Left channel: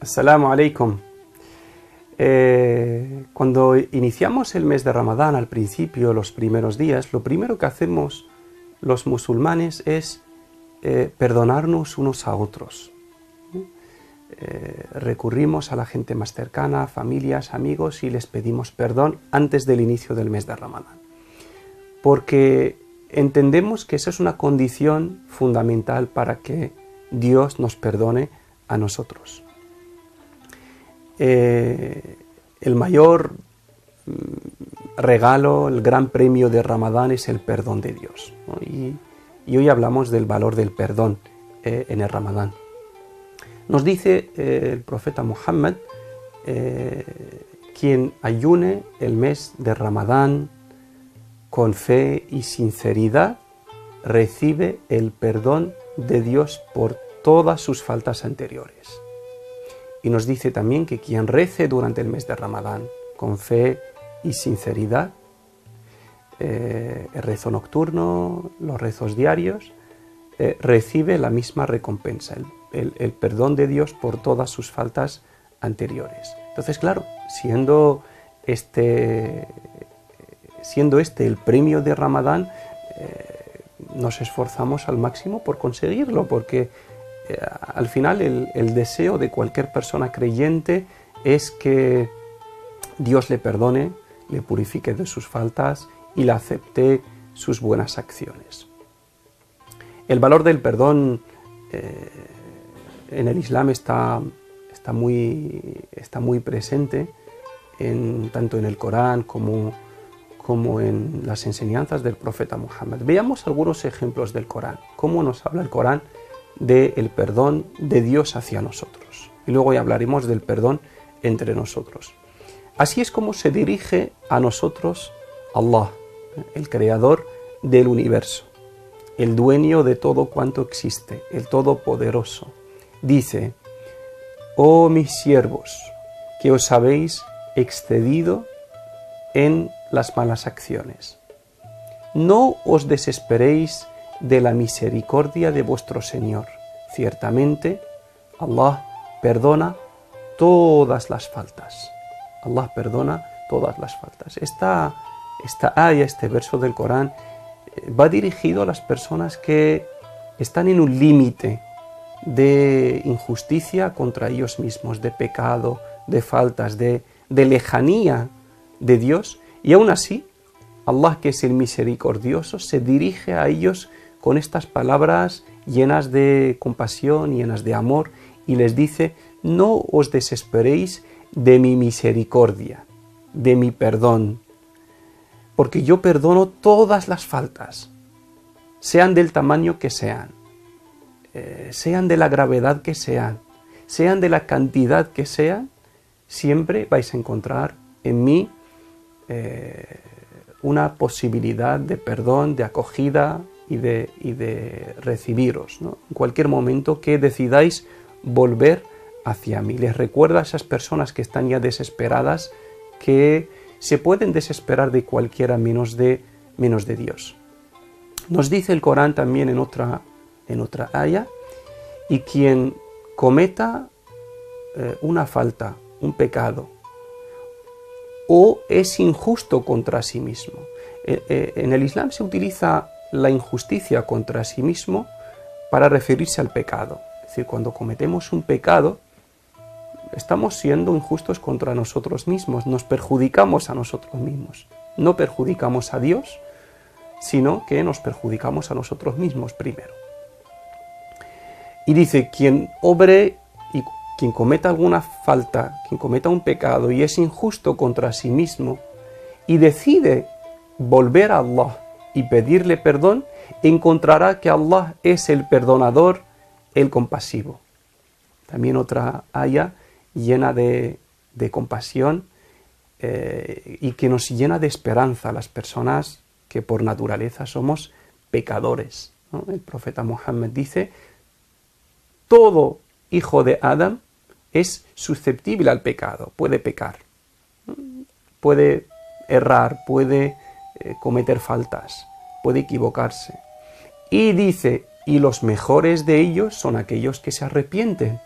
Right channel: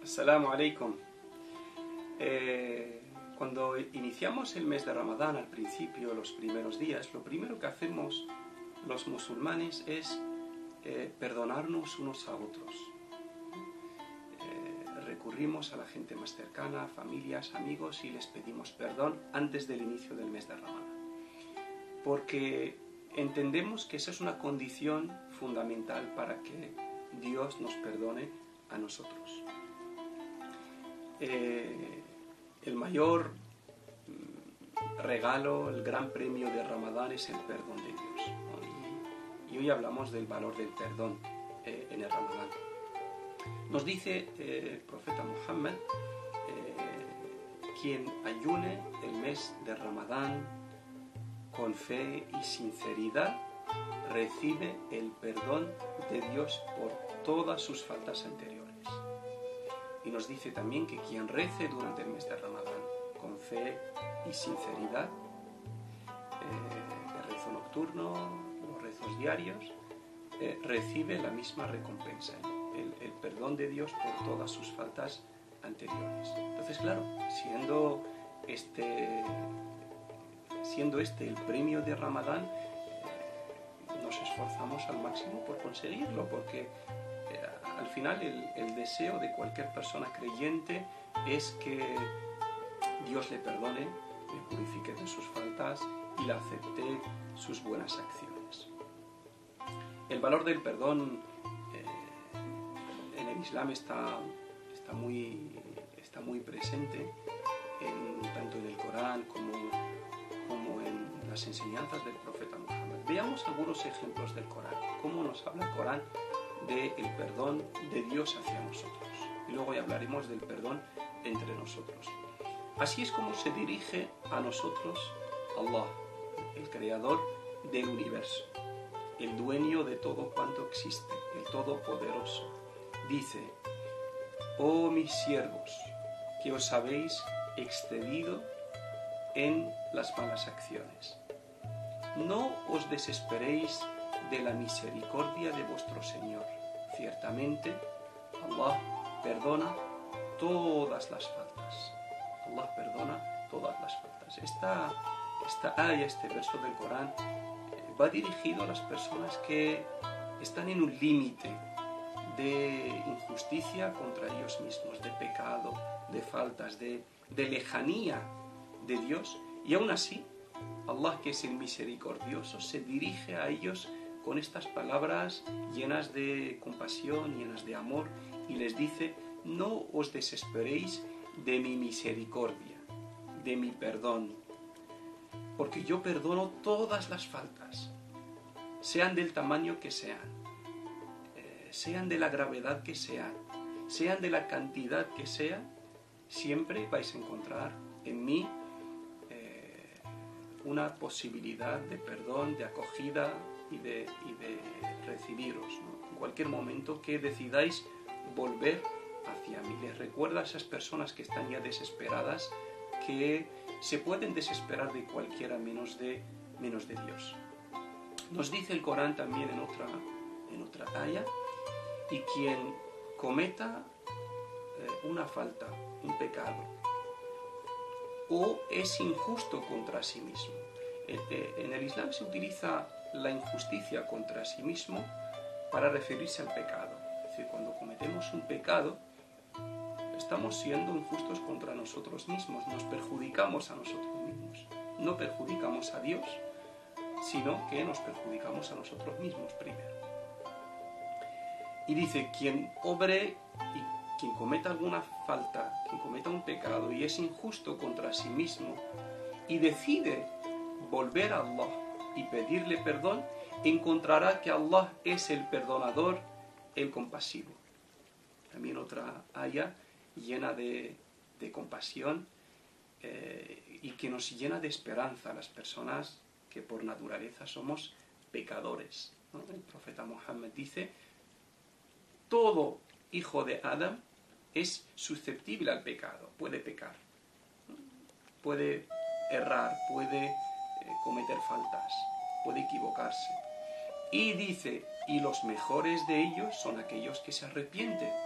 Assalamu alaikum. Cuando iniciamos el mes de Ramadán al principio, los primeros días, lo primero que hacemos los musulmanes es perdonarnos unos a otros. Recurrimos a la gente más cercana, familias, amigos, y les pedimos perdón antes del inicio del mes de Ramadán. Porque entendemos que esa es una condición fundamental para que Dios nos perdone a nosotros. El mayor regalo, el gran premio de Ramadán es el perdón de Dios, ¿no? Y hoy hablamos del valor del perdón en el Ramadán. Nos dice el profeta Muhammad, quien ayune el mes de Ramadán con fe y sinceridad, recibe el perdón de Dios por todas sus faltas anteriores. Y nos dice también que quien rece durante el mes de Ramadán con fe y sinceridad, el rezo nocturno, los rezos diarios, recibe la misma recompensa, el perdón de Dios por todas sus faltas anteriores. Entonces, claro, siendo este el premio de Ramadán, nos esforzamos al máximo por conseguirlo, porque al final el deseo de cualquier persona creyente es que Dios le perdone, le purifique de sus faltas y le acepte sus buenas acciones. El valor del perdón en el Islam está muy presente, tanto en el Corán como en las enseñanzas del profeta Muhammad. Veamos algunos ejemplos del Corán, cómo nos habla el Corán del perdón de Dios hacia nosotros. Y luego ya hablaremos del perdón entre nosotros. Así es como se dirige a nosotros Allah, el creador del universo, el dueño de todo cuanto existe, el todopoderoso. Dice: oh mis siervos, que os habéis excedido en las malas acciones, no os desesperéis de la misericordia de vuestro Señor. Ciertamente, Allah perdona todas las faltas. Allah perdona todas las faltas. Esta aya, este verso del Corán, va dirigido a las personas que están en un límite de injusticia contra ellos mismos, de pecado, de faltas, de lejanía de Dios, y aún así, Allah, que es el misericordioso, se dirige a ellos con estas palabras llenas de compasión, llenas de amor, y les dice: no os desesperéis de mi misericordia, de mi perdón, porque yo perdono todas las faltas, sean del tamaño que sean, sean de la gravedad que sean de la cantidad que sean, siempre vais a encontrar en mí una posibilidad de perdón, de acogida y de recibiros, ¿no? En cualquier momento que decidáis volver hacia mí. Les recuerda a esas personas que están ya desesperadas que se pueden desesperar de cualquiera menos de Dios. Nos dice el Corán también en otra aya: y quien cometa una falta, un pecado, o es injusto contra sí mismo. En el Islam se utiliza la injusticia contra sí mismo para referirse al pecado. Es decir, cuando cometemos un pecado, estamos siendo injustos contra nosotros mismos, nos perjudicamos a nosotros mismos. No perjudicamos a Dios, sino que nos perjudicamos a nosotros mismos primero. Y dice: quien obre y quien cometa alguna falta, quien cometa un pecado y es injusto contra sí mismo y decide volver a Allah y pedirle perdón, encontrará que Allah es el perdonador, el compasivo. También otra aya llena de compasión y que nos llena de esperanza a las personas que por naturaleza somos pecadores, ¿no? El profeta Muhammad dice: todo hijo de Adán es susceptible al pecado, puede pecar, puede errar, puede cometer faltas, puede equivocarse. Y dice: y los mejores de ellos son aquellos que se arrepienten.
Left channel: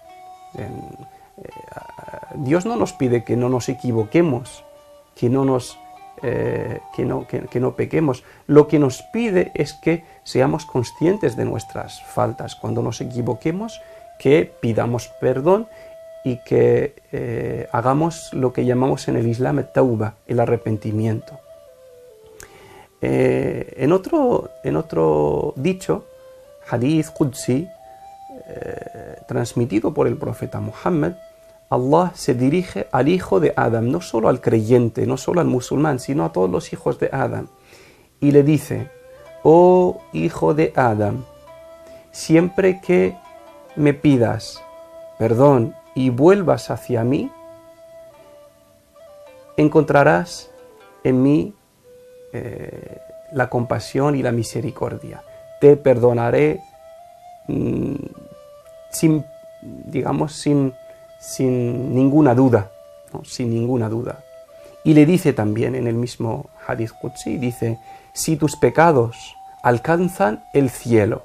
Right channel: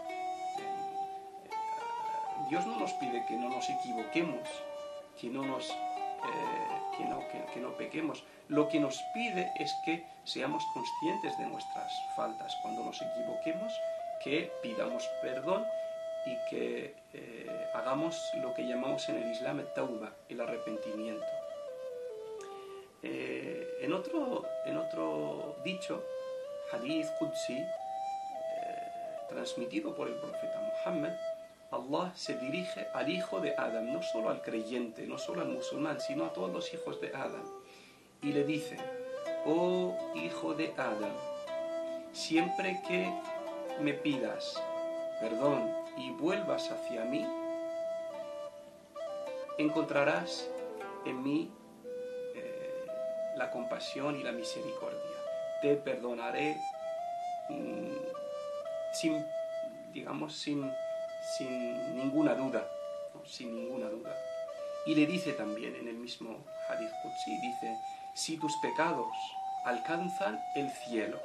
Dios no nos pide que no nos equivoquemos, que no pequemos. Lo que nos pide es que seamos conscientes de nuestras faltas. Cuando nos equivoquemos, que pidamos perdón y que hagamos lo que llamamos en el Islam tauba, el arrepentimiento. En otro dicho, hadith Qudsi, transmitido por el profeta Muhammad, Allah se dirige al hijo de Adam, no solo al creyente, no solo al musulmán, sino a todos los hijos de Adam. Y le dice: oh hijo de Adam, siempre que me pidas perdón y vuelvas hacia mí, encontrarás en mí la compasión y la misericordia. Te perdonaré sin ninguna duda, ¿no? Sin ninguna duda. Y le dice también en el mismo Hadith Qudsi, dice: si tus pecados alcanzan el cielo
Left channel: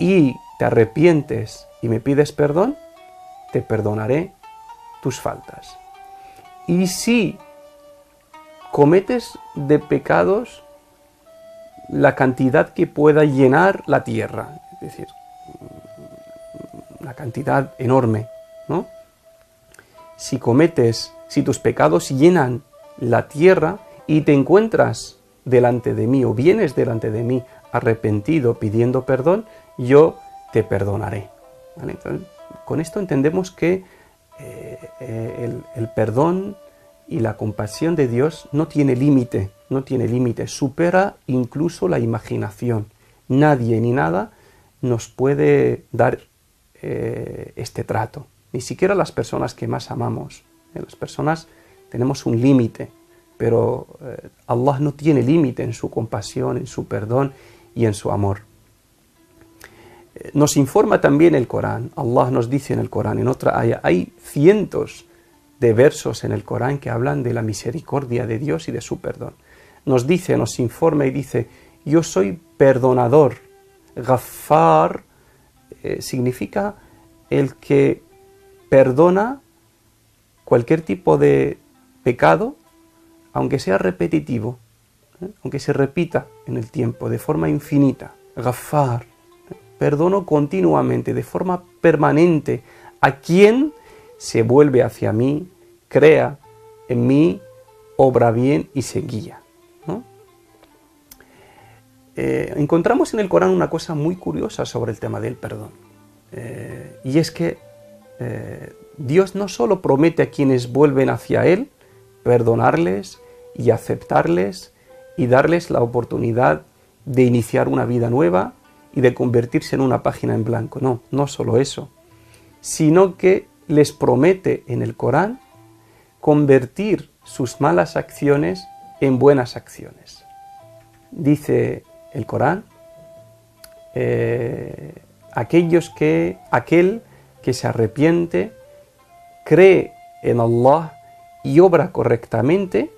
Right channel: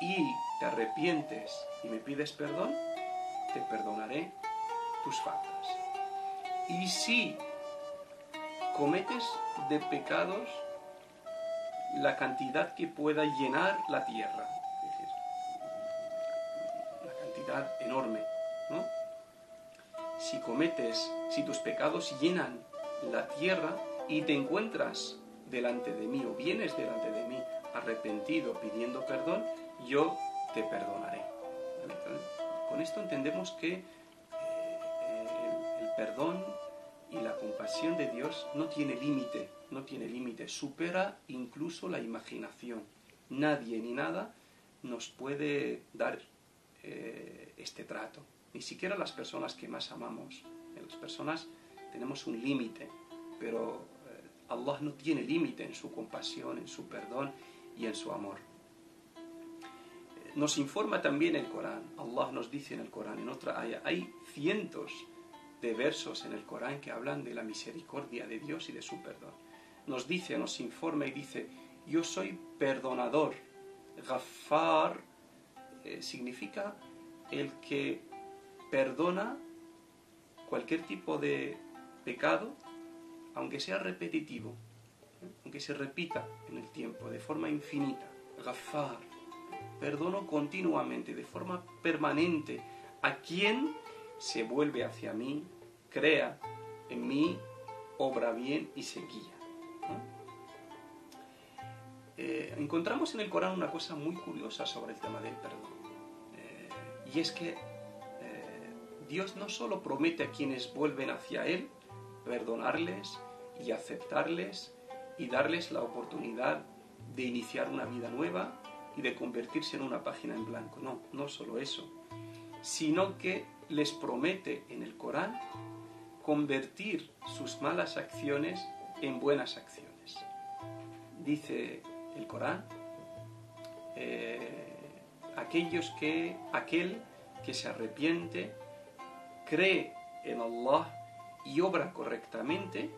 y te arrepientes y me pides perdón, te perdonaré tus faltas. Y si cometes de pecados la cantidad que pueda llenar la tierra, es decir, la cantidad enorme, ¿no? Si tus pecados llenan la tierra y te encuentras delante de mí o vienes delante de mí arrepentido pidiendo perdón, yo te perdonaré. ¿Vale? Entonces, con esto entendemos que el perdón y la compasión de Dios no tiene límite, supera incluso la imaginación. Nadie ni nada nos puede dar este trato, ni siquiera las personas que más amamos. Las personas tenemos un límite, pero Allah no tiene límite en su compasión, en su perdón y en su amor. Nos informa también el Corán. Allah nos dice en el Corán, en otra ayah, hay cientos de versos en el Corán que hablan de la misericordia de Dios y de su perdón. Nos informa y dice: yo soy perdonador. Ghaffar significa el que perdona cualquier tipo de pecado, aunque sea repetitivo, aunque se repita en el tiempo, de forma infinita. Ghaffar, perdono continuamente, de forma permanente, a quien se vuelve hacia mí, crea en mí, obra bien y se guía, ¿no? Encontramos en el Corán una cosa muy curiosa sobre el tema del perdón. Y es que Dios no solo promete a quienes vuelven hacia Él perdonarles y aceptarles y darles la oportunidad de iniciar una vida nueva y de convertirse en una página en blanco. No solo eso, sino que les promete en el Corán convertir sus malas acciones en buenas acciones. Dice el Corán: aquel que se arrepiente, cree en Allah y obra correctamente,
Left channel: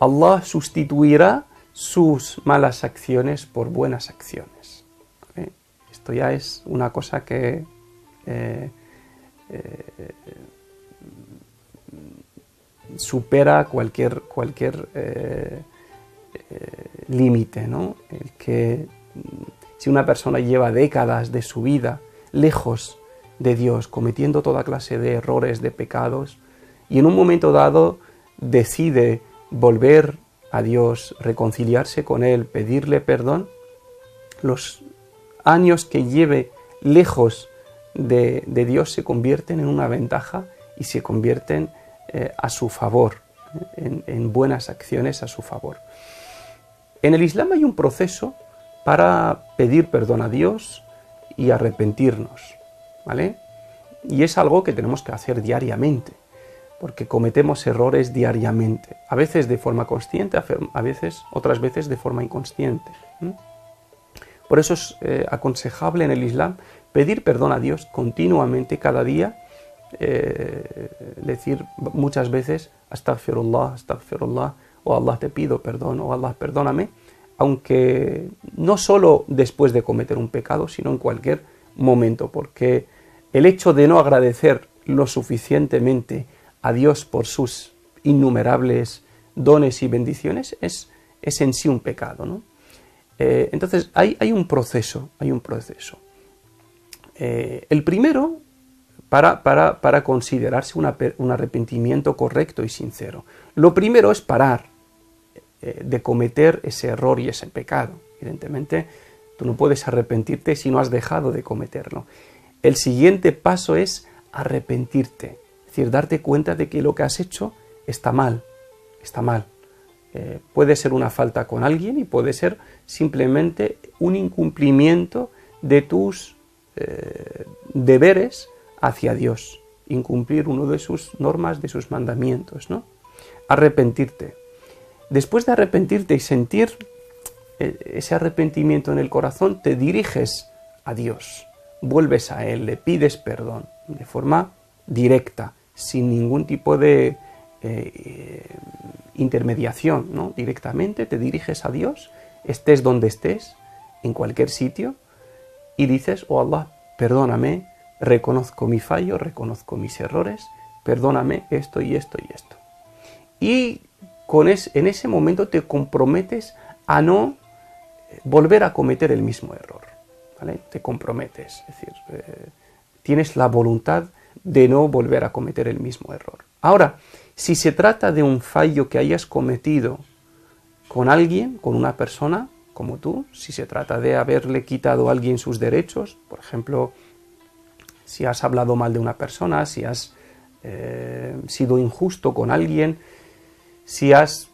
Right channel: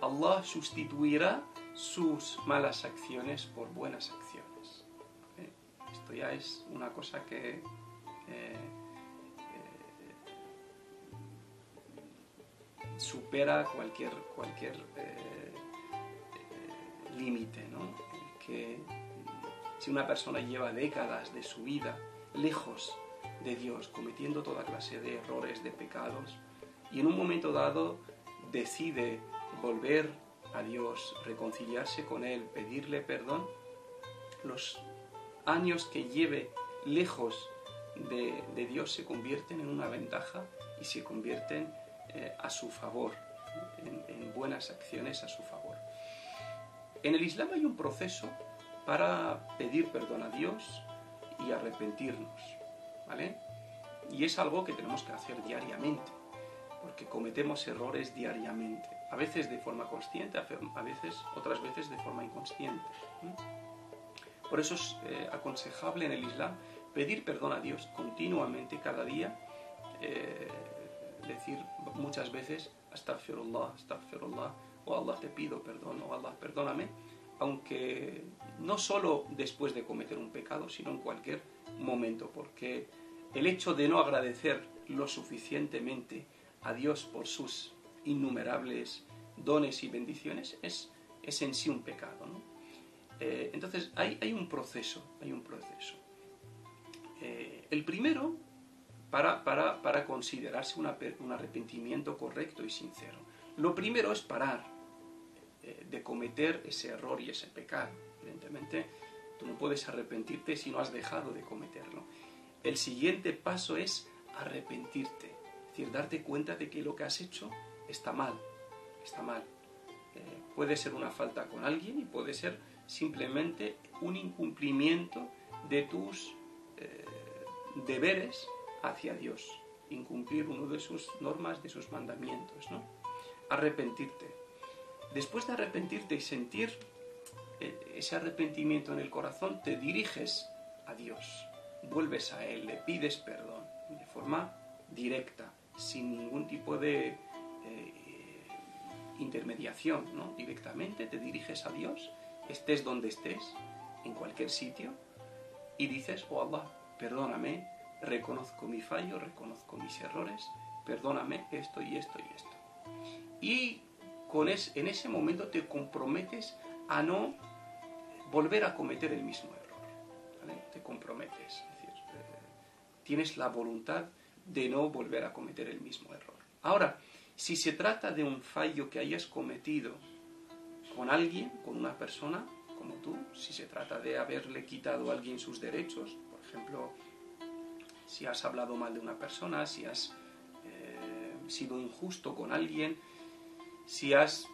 Allah sustituirá sus malas acciones por buenas acciones. ¿Vale? Esto ya es una cosa que supera cualquier límite, ¿no? El que si una persona lleva décadas de su vida lejos de Dios, cometiendo toda clase de errores, de pecados, y en un momento dado decide volver a Dios, reconciliarse con Él, pedirle perdón, los años que lleve lejos de Dios se convierten en una ventaja y se convierten a su favor, en buenas acciones a su favor. En el Islam hay un proceso para pedir perdón a Dios y arrepentirnos, ¿vale? Y es algo que tenemos que hacer diariamente, porque cometemos errores diariamente, a veces de forma consciente, otras veces de forma inconsciente. Por eso es aconsejable en el Islam pedir perdón a Dios continuamente, cada día, decir muchas veces astaghfirullah, astaghfirullah, o Allah te pido perdón, o Allah perdóname, aunque no solo después de cometer un pecado, sino en cualquier momento, porque el hecho de no agradecer lo suficientemente a Dios por sus innumerables dones y bendiciones es en sí un pecado, ¿no? Entonces hay un proceso, el primero, para considerarse un arrepentimiento correcto y sincero. Lo primero es parar de cometer ese error y ese pecado. Evidentemente, tú no puedes arrepentirte si no has dejado de cometerlo. El siguiente paso es arrepentirte, es decir, darte cuenta de que lo que has hecho está mal, está mal. Puede ser una falta con alguien y puede ser simplemente un incumplimiento de tus deberes hacia Dios, incumplir uno de sus normas, de sus mandamientos, ¿no? Arrepentirte. Después de arrepentirte y sentir ese arrepentimiento en el corazón, te diriges a Dios, vuelves a Él, le pides perdón de forma directa, sin ningún tipo de intermediación, ¿no? Directamente te diriges a Dios, estés donde estés, en cualquier sitio, y dices: oh Allah, perdóname, reconozco mi fallo, reconozco mis errores, perdóname esto y esto y esto. Y en ese momento te comprometes a no volver a cometer el mismo error, ¿vale? Te comprometes, es decir, tienes la voluntad de no volver a cometer el mismo error. Ahora, si se trata de un fallo que hayas cometido con alguien, con una persona como tú, si se trata de haberle quitado a alguien sus derechos, por ejemplo, si has hablado mal de una persona, si has sido injusto con alguien, si has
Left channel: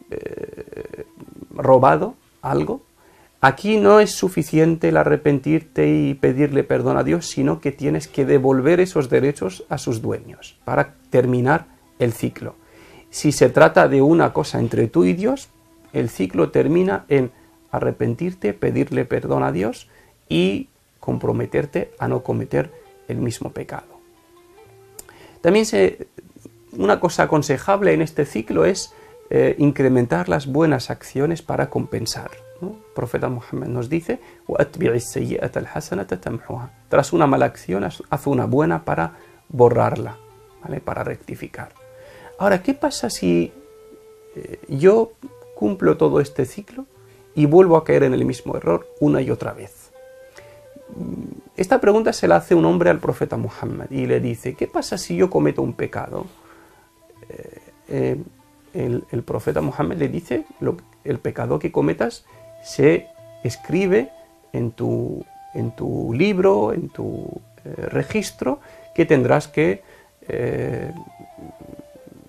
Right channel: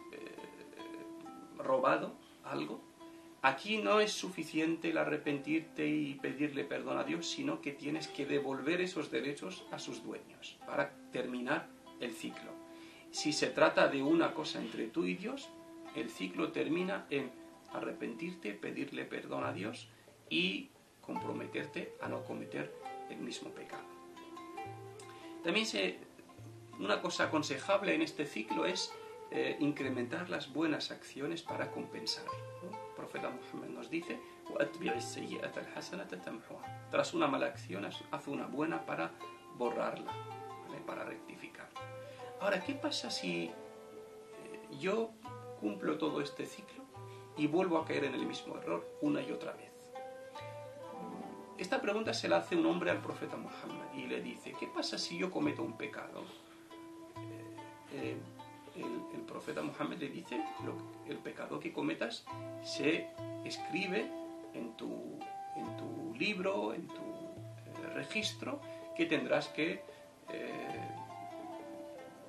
robado algo, aquí no es suficiente el arrepentirte y pedirle perdón a Dios, sino que tienes que devolver esos derechos a sus dueños para terminar el ciclo. Si se trata de una cosa entre tú y Dios, el ciclo termina en arrepentirte, pedirle perdón a Dios y comprometerte a no cometer el mismo pecado. También una cosa aconsejable en este ciclo es incrementar las buenas acciones para compensar, ¿no? El profeta Muhammad nos dice: tras una mala acción, haz una buena para borrarla, ¿vale? Para rectificar. Ahora, ¿qué pasa si yo cumplo todo este ciclo y vuelvo a caer en el mismo error una y otra vez? Esta pregunta se la hace un hombre al profeta Muhammad y le dice: ¿qué pasa si yo cometo un pecado? El profeta Muhammad le dice: el pecado que cometas se escribe en tu libro, en tu registro, que tendrás que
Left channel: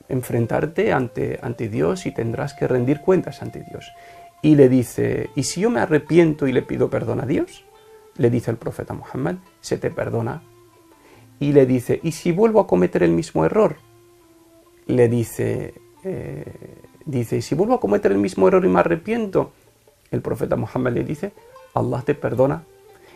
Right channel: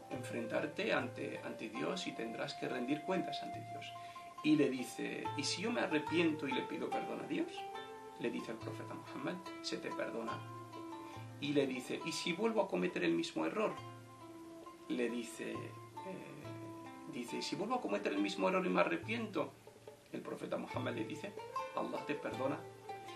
enfrentarte ante Dios y tendrás que rendir cuentas ante Dios. Y le dice: ¿y si yo me arrepiento y le pido perdón a Dios? Le dice el profeta Muhammad: se te perdona. Y le dice: ¿y si vuelvo a cometer el mismo error? Le dice: ¿y si vuelvo a cometer el mismo error y me arrepiento? El profeta Muhammad le dice: Allah te perdona.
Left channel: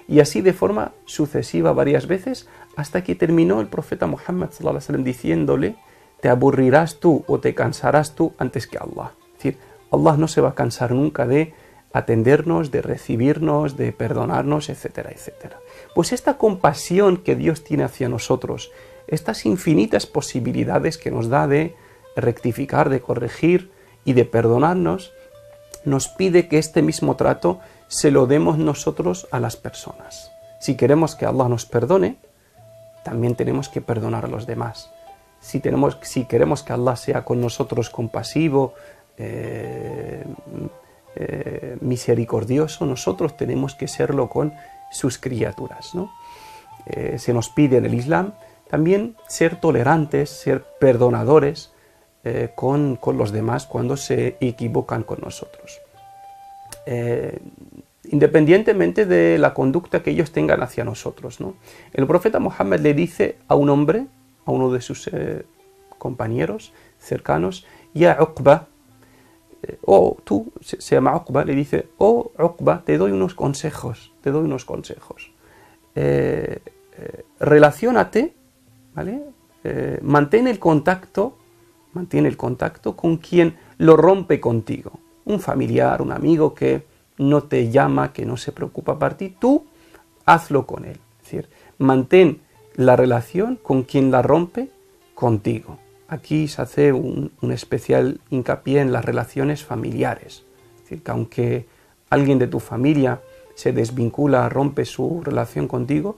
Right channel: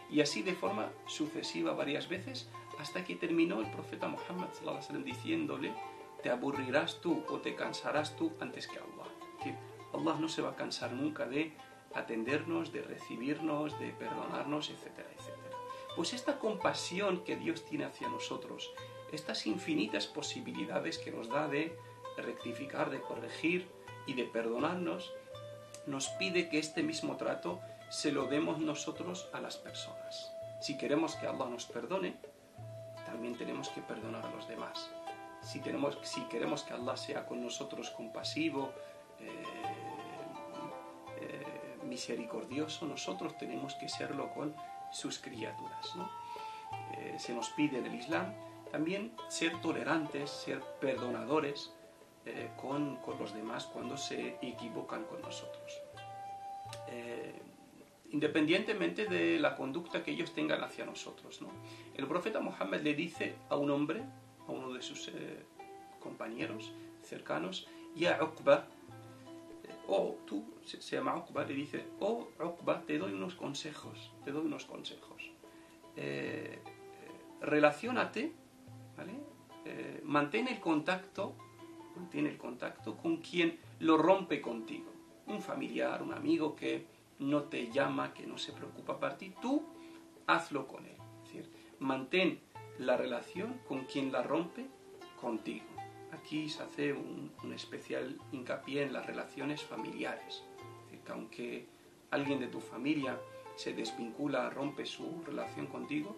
Y así de forma sucesiva varias veces, hasta que terminó el profeta Muhammad sallallahu alaihi wasallam diciéndole: te aburrirás tú o te cansarás tú antes que Allah. Es decir, Allah no se va a cansar nunca de atendernos, de recibirnos, de perdonarnos, etcétera, etcétera. Pues esta compasión que Dios tiene hacia nosotros, estas infinitas posibilidades que nos da de rectificar, de corregir y de perdonarnos, nos pide que este mismo trato se lo demos nosotros a las personas. Si queremos que Allah nos perdone, también tenemos que perdonar a los demás. Si queremos que Allah sea con nosotros compasivo, misericordioso, nosotros tenemos que serlo con sus criaturas, ¿no? Se nos pide en el Islam también ser tolerantes, ser perdonadores con los demás cuando se equivocan con nosotros, independientemente de la conducta que ellos tengan hacia nosotros, ¿no? El profeta Muhammad le dice a un hombre, a uno de sus compañeros cercanos: ya Uqba, tú, se llama Uqba, le dice: oh Uqba, te doy unos consejos, relaciónate, ¿vale? Mantén el contacto con quien lo rompe contigo, un familiar, un amigo que no te llama, que no se preocupa por ti, tú hazlo con él. Es decir, mantén la relación con quien la rompe contigo. Aquí se hace un especial hincapié en las relaciones familiares. Es decir, que aunque alguien de tu familia se desvincula, rompe su relación contigo,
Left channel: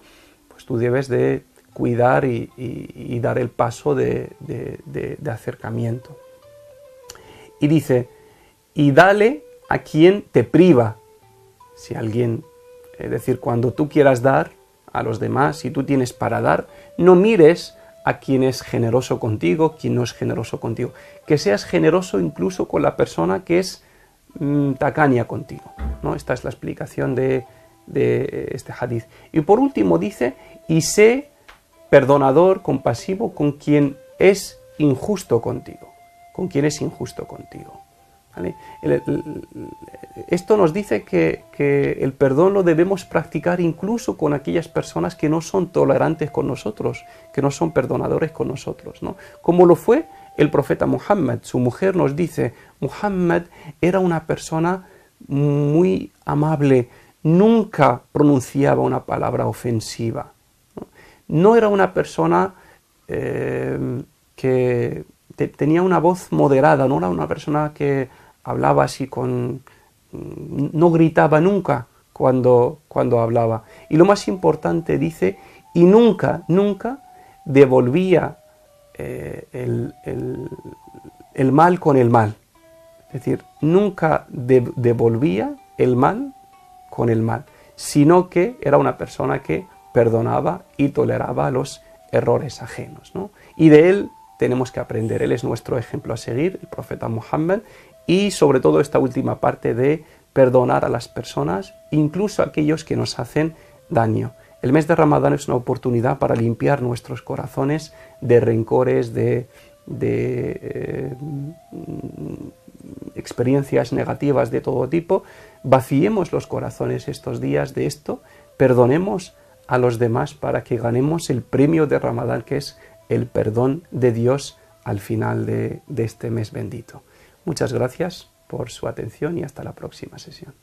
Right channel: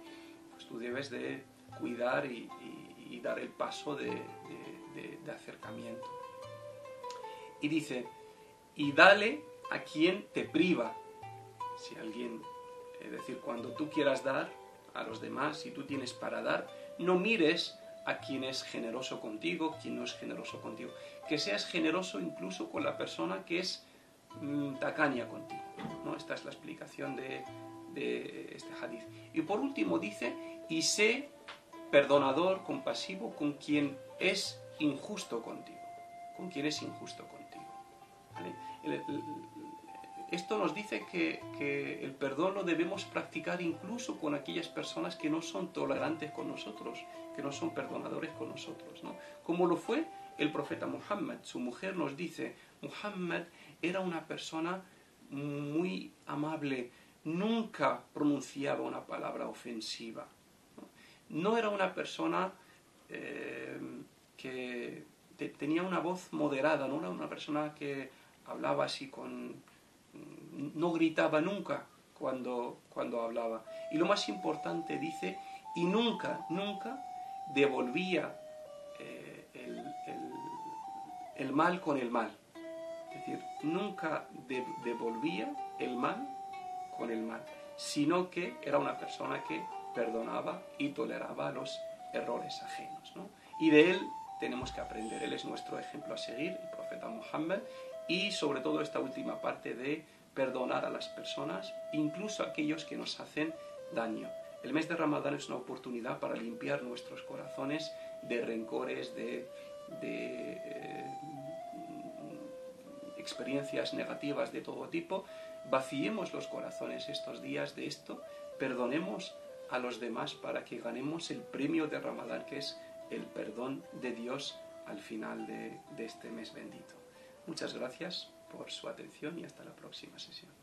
pues tú debes de cuidar y dar el paso de acercamiento. Y dice, y dale a quien te priva. Si alguien, es decir, cuando tú quieras dar a los demás, si tú tienes para dar, no mires a quien es generoso contigo, quien no es generoso contigo. Que seas generoso incluso con la persona que es tacaña contigo, ¿no? Esta es la explicación de este hadith. Y por último dice, y sé perdonador, compasivo con quien es injusto contigo. Con quien es injusto contigo. ¿Vale? Esto nos dice que el perdón lo debemos practicar incluso con aquellas personas que no son tolerantes con nosotros, que no son perdonadores con nosotros, ¿no? Como lo fue el profeta Muhammad. Su mujer nos dice, Muhammad era una persona muy amable, nunca pronunciaba una palabra ofensiva. No era una persona que tenía una voz moderada, no era una persona que hablaba así no gritaba nunca cuando hablaba. Y lo más importante dice, y nunca devolvía el mal con el mal. Es decir, nunca devolvía el mal con el mal, sino que era una persona que perdonaba y toleraba los errores ajenos, ¿no? Y de él tenemos que aprender. Él es nuestro ejemplo a seguir, el profeta Muhammad, y sobre todo esta última parte de perdonar a las personas, incluso a aquellos que nos hacen daño. El mes de Ramadán es una oportunidad para limpiar nuestros corazones de rencores, de experiencias negativas de todo tipo. Vaciemos los corazones estos días de esto, perdonemos a los demás para que ganemos el premio de Ramadán, que es el perdón de Dios al final de este mes bendito. Muchas gracias por su atención y hasta la próxima sesión.